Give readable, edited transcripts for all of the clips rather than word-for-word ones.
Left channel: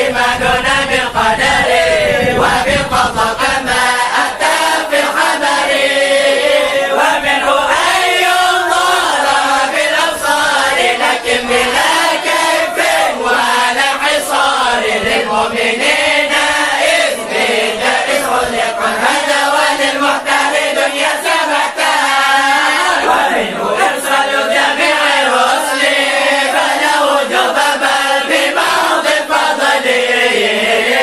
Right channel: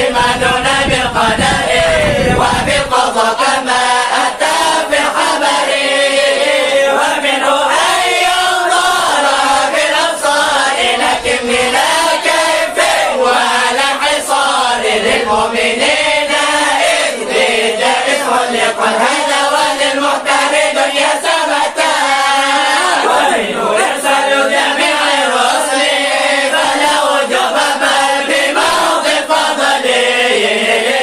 إيماننا بالقدر وبالقضاء كما أتى في الخبر، ومنه أن ينظر بالأبصار لكن بلا كيف ولا انحصار للمؤمنين إذ بجائز خلق هذا وللمختار دنيا ثبتا، ومنه يرسل جميع الرسل فلا وجوب بل بموضع فضله،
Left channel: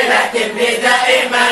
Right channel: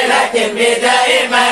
لكن بدائما